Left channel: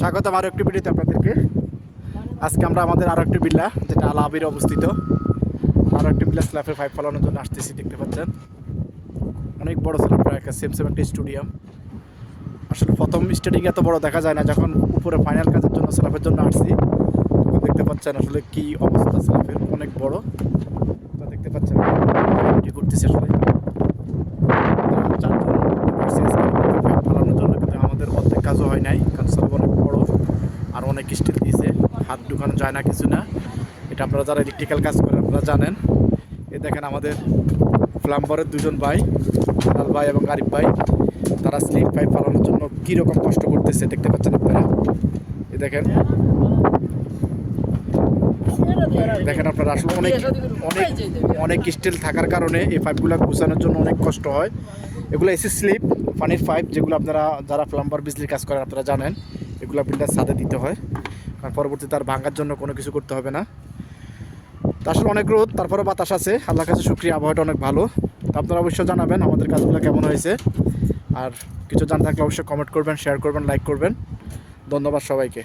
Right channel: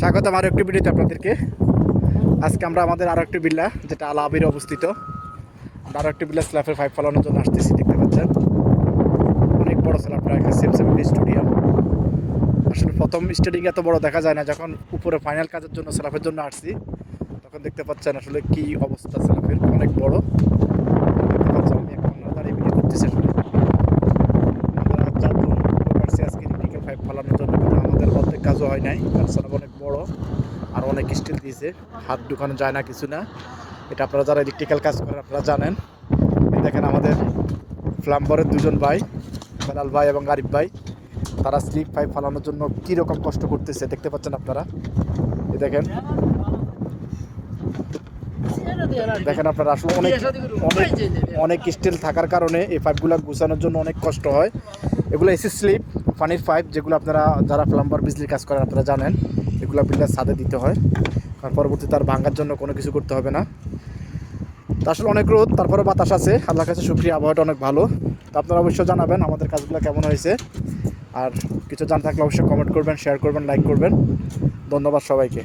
স্বাগতম আরও একটি ভিডিওতে আপনাদেরকে। আজকে আমরা আমাদের আরও একটি বিল্লা, যেটা আল আবিরে অবস্থিত, আরও একটি বিল্লা স্ল্যাবের পাইপ ফেলানোর জন্য আসতেছি। দেখতে পাচ্ছেন অনেক বড় স্ল্যাবটা, একটা সেম স্টেডিয়াম। আসলে প্রথম স্টেডিয়াম এত বড় দেখা যায় না, যখন উপরে ফাইনাল কাজের জন্য স্ল্যাবের জন্য আসছি তখন দেখতে পাচ্ছেন আসলে কি অবস্থা স্ল্যাবের, অনেক বড়। দেখতে পাচ্ছেন কি করতেছে আসলে পাইপ ফেলানোর জন্য, কিন্তু আমাদের অর্ধেক কাজও হয় নাই, কারণ স্ল্যাব অনেক বড় আর অনেক স্টিল দিয়েছে, হাত ঢুকানো যায় না, কিছু না। এটা আপনারা যারা ইলেকট্রিক্যাল কাজ করেন আপনারা জানেন। এই দেখেন আমাদের প্লাম্বারের দুজন ভাই, হেলাল ভাই এবং আরিফ ভাই, তারা স্লিপ পাইপ ফালানোর জন্য কীরকম কষ্ট করতেছে দেখতে পাচ্ছেন আপনারা। এই দেখেন দেখেন আপনারা, আসলে অনেক অনেক অনেক স্টিল থাকার কারণে এই পাইপগুলো গুছানোর জন্য অনেক কষ্ট হয়। এগুলো এসি স্লিপ পানির পাইপ, যেগুলো আপনারা যারা প্লাম্বার বিজলির কাজ করেন আপনারা জানেন, এগুলো বিল্ডার ছাদে দিতে হয়, কারণ পরবর্তীতে তার ভাঙার জন্য কোনো কিছু করতে হবে না। তো আসলে অনেক রোদ, তারপরে বাতাস আছে, আল্লাহর কাছে শুকরিয়া, আবহাওয়াটা অনেক ভালো। তো আপনারা অবশ্যই জানাবেন আমাদের কাজগুলো কেমন হয়েছে, আর কিছু জানা থাকলে অবশ্যই কমেন্ট করবেন, শেয়ার করবেন, লাইক করবেন। ধন্যবাদ সবাইকে।